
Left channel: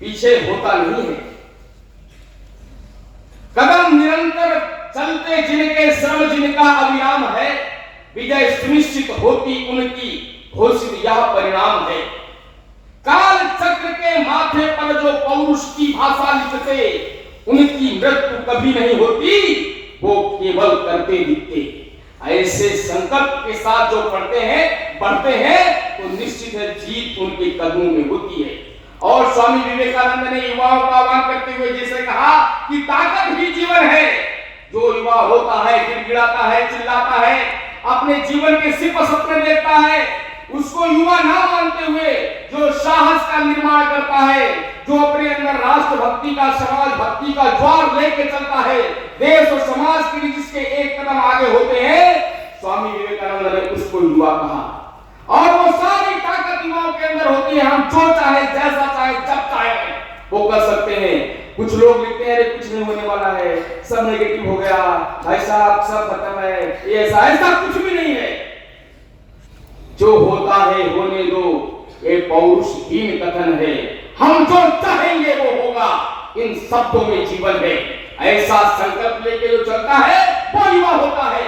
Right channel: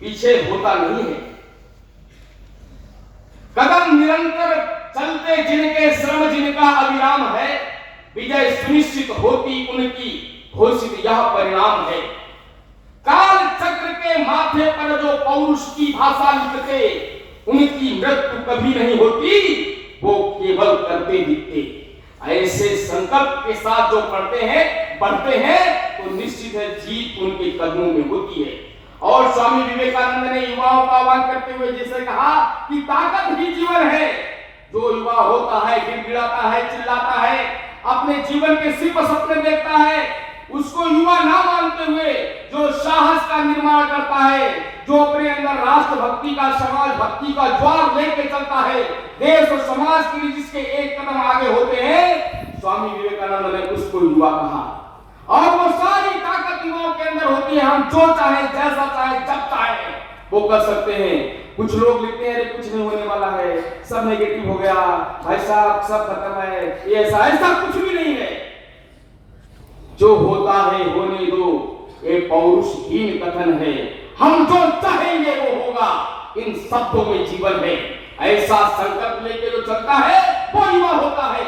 पीछे होता नहीं है। कदम निरंतर चलते जिनके श्रम जिनका अविराम है, विजय सुनिश्चित होती उनकी घोषित यह परिणाम है। काल चक्र के माथे पर जो पौरुष की भाषा लिखते, उनकी मृत्यु कभी नहीं होती, वो केवल करते दिखते। ऐसे संकल्प के साथ जो बढ़ते हैं तो निश्चित है जीत उनके कदमों में होती है। और स्वामी विवेकानंद ने युवाओं का आह्वान करते हुए जैसे कहा कि ताकत ही जीवन है। जो युवा होता है, गिड़गिड़ाता है, चिल्लाता है, अपने जीवन के सिर्फ सपने देखता है, उसको युवा ना मानते हुए जो साहस का निर्माण करता है, जो अपने अंदर राष्ट्र भक्ति का, समाज भक्ति का ज्वार लेके चलता है, देश और समाज के लिए जिसके एक कदम आगे होते हैं, स्वामी विवेकानंद ने उसको युवा कहा। और वो सारी ताकत युवाओं के अंदर होती है। हम जो चाहे, जैसा चाहे, जब चाहे वो कर सकते हैं। कुछ लोग लिखते हैं अरे कुछ नहीं होने वाला है, सब नेगेटिव हो गया, भाई साहब सब खत्म है, ये ऐसा कुछ भी नहीं है। जो होता है होने दो, ये पौरुषहीन कथन है। हम जो चाहेंगे वो होगा, इन शब्दों में जीवन है। ऐसा संकल्प लेके जो चलता है वो युवा होता है।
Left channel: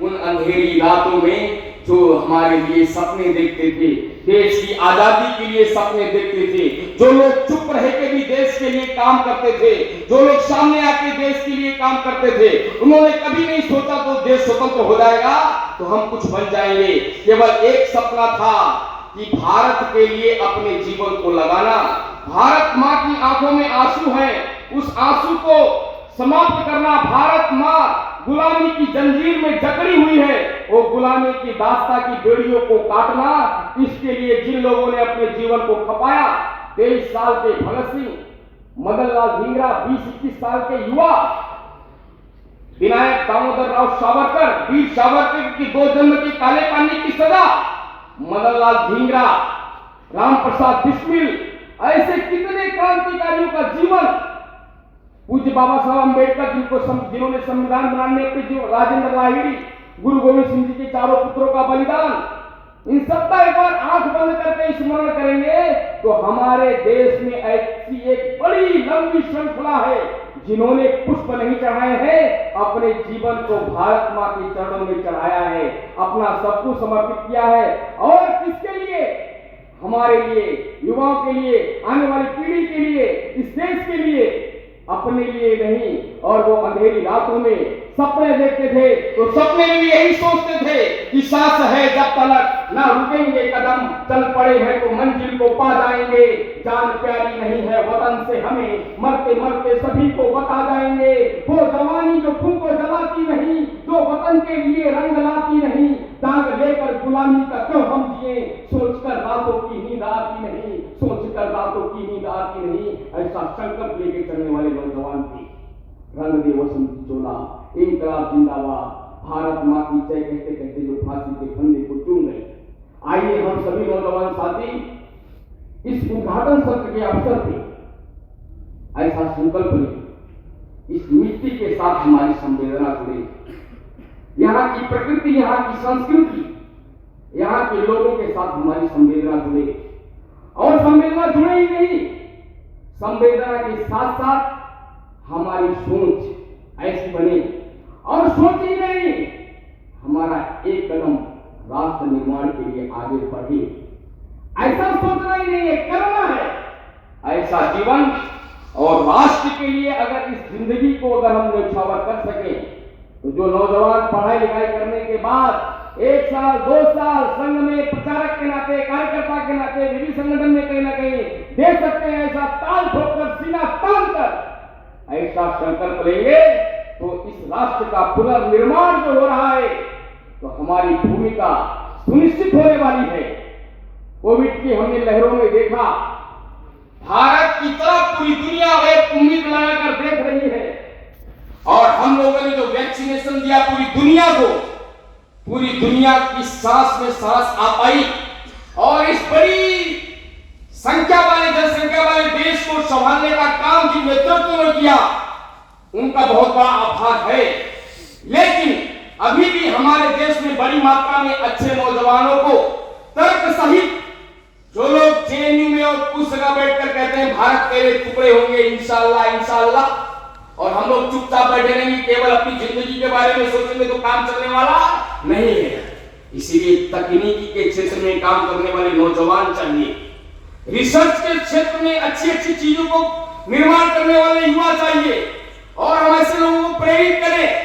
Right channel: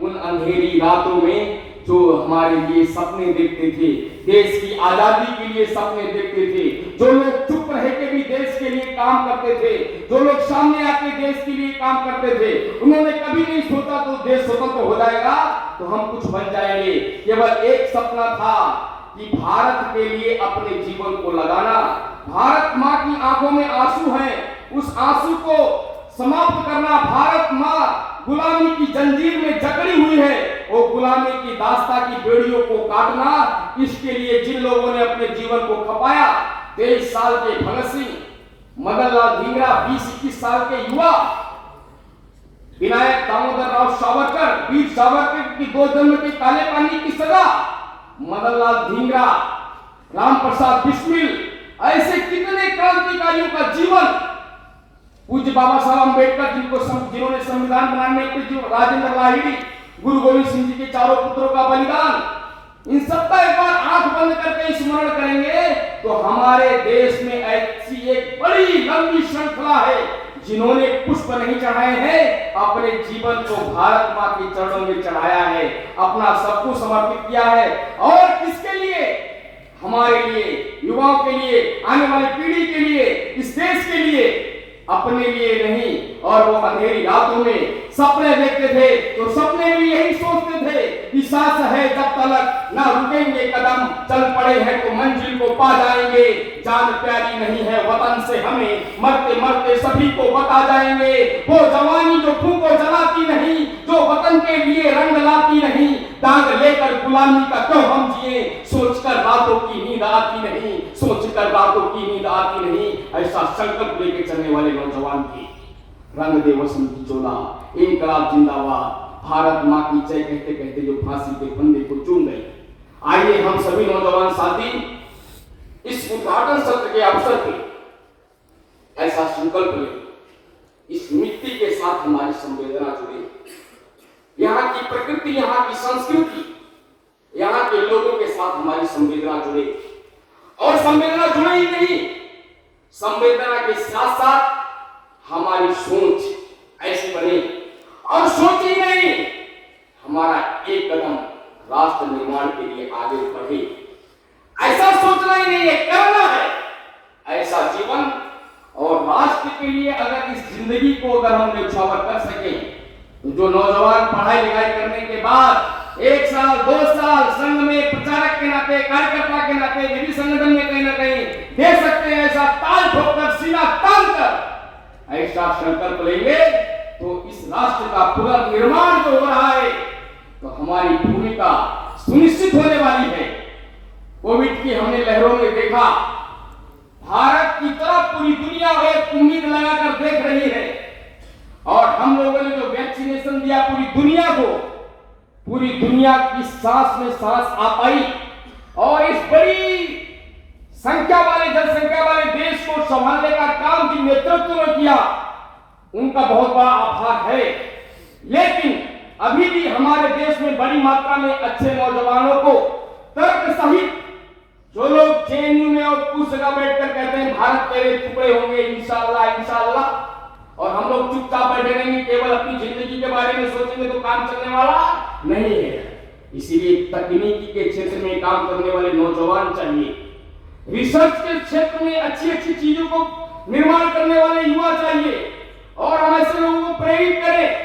उन अंधेरी रातों में जो हमारे लिए सपने देखते थे, देश की आजादी के लिए सपने देखते थे, जो लोग चुप रह के भी देश के लिए काम करते थे, जो लोग सामने आके देश के लिए काम करते थे, उन्होंने कभी नहीं सोचा तो देश स्वतंत्र हो जाएगा तो हम कुछ बन जाएंगे। केवल एक सपना था कि भारत के लिए अपने जीवन को लगाना। भारत माँ की आंखों में आंसू है, उस आंसू को समाप्त करना। भारत माँ गुलामी की जंजीर में जकड़ी हुई है, वो गुलामी की दास्ता की बेड़ियों को काटना। इसके लिए जिन लोगों ने अपने जीवन को खपाया, 23 साल के भगत सिंह, मदन लाल धिंगरा, 20-21 साल के युवा, विनायक दामोदर राव सावरकर, वीर सावरकर की 2 जन्म की काले पानी की सजा, मदन लाल धिंगरा, राम प्रसाद बिस्मिल, ऐसे कितने क्रांतिकारियों का जीवन। पूज्य बाबा साहब अम्बेडकर जिन्होंने संविधान बनाने में राजेंद्र लाहिड़ी, गुरु गोविंद सिंह जी के चारों पुत्रों का बलिदान, इन सबका एक बार आंख बंद करके स्मरण करेंगे तो हमारे देश में ऐसी एक बड़ी लंबी श्रृंखला है जिन्होंने पुष्प नहीं चढ़ाए हैं, अपने जीवन को भारत मां के चरणों में चढ़ाया है, अपना सब कुछ समर्पित किया है। और किसके लिए? हमारे लिए, युवाओं के लिए, आने वाली पीढ़ी के लिए, इस देश के लिए, अपने लिए नहीं। और वो अंधेरी रातों में सपने देखते थे तो सपने में भी यही सोचते थे कि सांस है जब तक ना रुकेंगे कदम, चल पड़े हैं तो मंजिल को पा जाएंगे। जान प्यारी नहीं है वतन से हमें, मरते मरते सभी को बता जाएंगे। वो जवानी जो फूंको जलाती नहीं, जो वतन के लिए रंग लाती नहीं, दाग लेकर गुलामी का क्यों हम जिए, सोचकर रातों की नींद आती नहीं, सोचकर रातों की नींद आती नहीं। ऐसा संकल्प लेके चलने वाले नौजवान थे। रंग दे वसंत की चोला, इनकलाब जिंदाबाद, भारत मां की जय कहते कहते जो फांसी के फंदे को चूम गए। आइए हम सभी नौजवान साथी इस उद्घाटन सत्र के अवसर पे ऐसा संकल्प लें, इस मिट्टी के साथ हमारी संवेदना जुड़े, यहाँ की प्रकृति, यहाँ की संस्कृति, यहाँ के लोगों के साथ हमारी संवेदना जुड़े। और संवेदना जुड़े ही नहीं, संवेदना के साथ साथ हमारी सोच ऐसी बने, और सोच ही नहीं, हमारा एक कदम राष्ट्र निर्माण के लिए आगे बढ़े। ऐसा सोचना ही नहीं है, करना है ऐसा जीवन। और राष्ट्र के लिए अगर इस जिंदगी को अगर हम न्यौछावर कर सके तो जो नौजवान पढ़ाई लिखाई करने के बाद 1 साल 2 साल संघ में प्रचारक के नाते, कार्यकर्ता के नाते, विधि संगठन में कहीं ना कहीं दे सकते हैं, ऐसा ताल ठोककर, सीना तान कर ऐसा संकल्प लेंगे तो इस राष्ट्र का पुनर्निर्माण जो हो रहा है तो हमारी भूमिका सुनिश्चित होने वाली है। कोविड की हमने लहरों में देखा, भारत की तरफ पूरी दुनिया एक उम्मीद लगाकर देख रही है। और हम लोगों ने जो वैक्सीनेशन दिया पूरी दुनिया को, पूरी दुनिया की सांस में सांस आ पाई। और इस बड़ी संख्या वाले, जनसंख्या वाले देश को संभालने का काम जिन नेतृत्व ने किया, उनका बहुत बड़ा आभार है। लेकिन अभी भी हमारे देश में बड़ी मात्रा में अच्छे नौजवानों को तर्क सहित, जो लोग जेएनयू में और कुछ जगह बैठकर कहते हैं भारत के टुकड़े होंगे इंशाअल्लाह इंशाअल्लाह, और हम लोग चुपचाप बैठे रहेंगे, केवल अपनी जिंदगी के बारे में सोचेंगे तो काम चलने वाला नहीं है। इसीलिए तकनीकी के क्षेत्र में काम करने वाले नौजवान चाहिए, रिसर्च के क्षेत्र में अच्छी अच्छी चीजों को निर्माण करने वाले युवा चाहिए, और हम ऐसे लोगों को प्रेरित करें।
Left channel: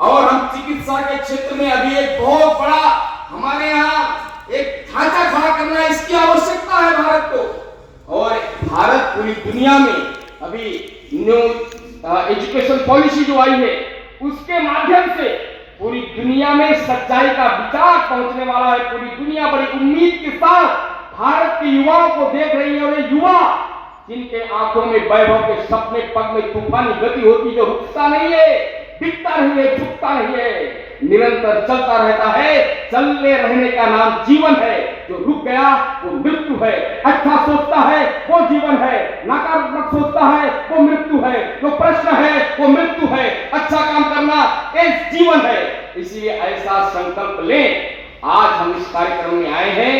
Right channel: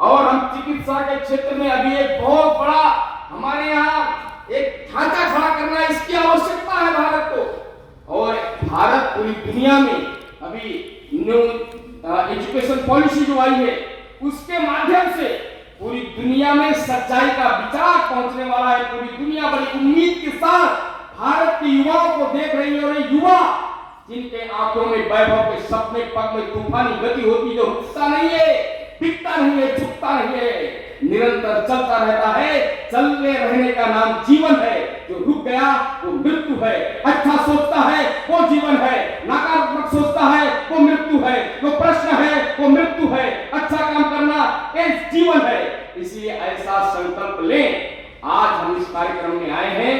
और हम चिकित्सा के क्षेत्र में अभी एक बहुत बड़ा हमारे यहाँ एक ढांचा खड़ा करना है, इसकी आवश्यकता है भारत को। और भारत पूरी दुनिया में अभी न्यू एजुकेशन पॉलिसी जो आई है, उसके माध्यम से पूरी दुनिया में सच्चाई का विचार पहुंचने वाला है। पूरी दुनिया बड़ी उम्मीद के साथ भारत के युवाओं को देख रही है, और ये युवा जिनके आंखों में वैभव के सपने, पग में तूफानी गति होती, जो रुकता नहीं है, टिकता नहीं है, झुकता नहीं है, निरंतर चलता रहता है। चलने रहने का नाम जीवन है। जो रुक गया वो मृत्यु है। अच्छा सोचता है वो जीवन है, नकारात्मक सोचता है वो मृत्यु है, जो प्रश्न है वो मृत्यु है, अच्छा काम करना एक जीवन है। इसलिए ऐसा संकल्प लें। आज हम इस कार्यक्रम में आए हैं,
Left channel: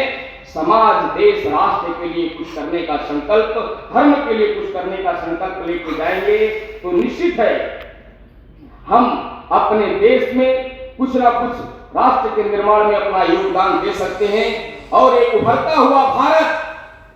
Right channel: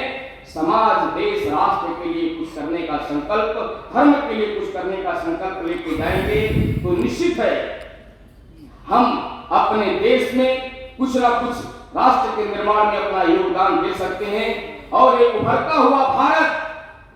समाज, देश, राष्ट्र के लिए कुछ करने का संकल्प, धर्म के लिए कुछ करने का संकल्प लेके जाएंगे तो निश्चित है हम अपने देश में कुछ ना कुछ राष्ट्र के निर्माण में अपना योगदान दे सकते हैं। और एक उभरता हुआ भारत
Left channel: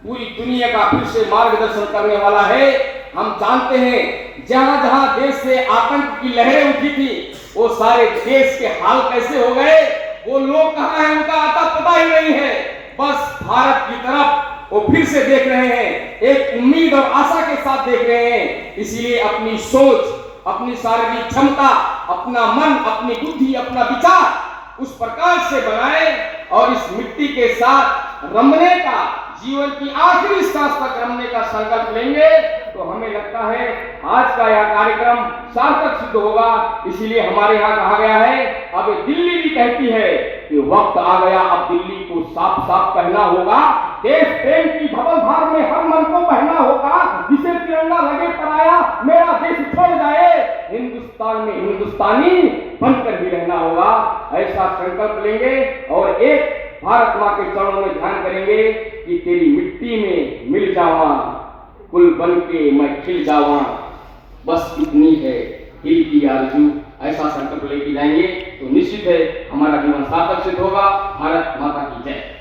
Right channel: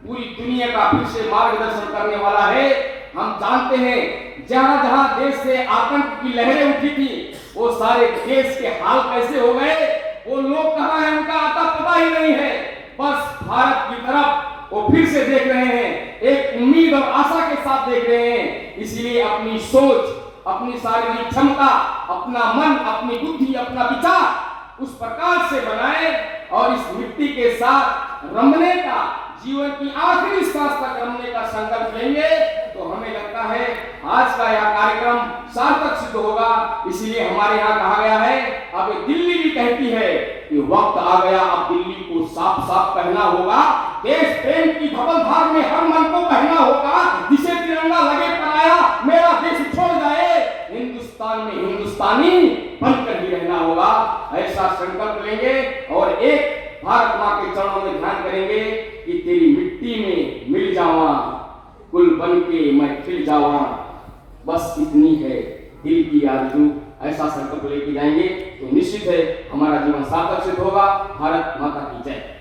पूरी दुनिया का फिर से मार्गदर्शन करने वाला है। हम जानते हैं जहां जहां देश से आतंक की लहरें उठी थी, वो सारे देश के हाल कैसे हो गए, वो लोग कहां हैं, उनका आता पता ही नहीं है। बस भारत की तरफ वो फिर से देख रहे हैं, एक उम्मीद और आशा के साथ देख रहे हैं। इसलिए अपनी सोच, अपनी शारीरिक क्षमता, अपना मन, अपनी बुद्धि, अपना विचार उस प्रकार से बनाए और इस मिट्टी के साथ रमने का, जीवन की आखिरी सांस तक रमने का संकल्प लेंगे तो हमें लगता है आज का यह कार्यक्रम सार्थक सिद्ध होगा। इसलिए हमारे यहाँ कहा गया है, अब दिल्ली भी कहती है कि वक्त आ गया, अब दिल्ली को साफ साफ कहना होगा, देश प्रेम की धवलधार में हर मन को बहना होगा, जिसे तिरंगा लगे पराया मेरा देश छोड़ जाए, हिंदुस्तान में हिंदुस्तानी बनकर ही रहना होगा। ऐसा संकल्प लेंगे और एक भारत माँ के चरणों में ध्यान करेंगे कि तेरी मिट्टी में मिल जावा, कुल बन के मैं खिल जावा, बस इतनी है दिल की आरज़ू। ऐसा संकल्प लेके जाएंगे तो निश्चित है हमारा जीवन सार्थक सिद्ध होगा। भारत माता की जय।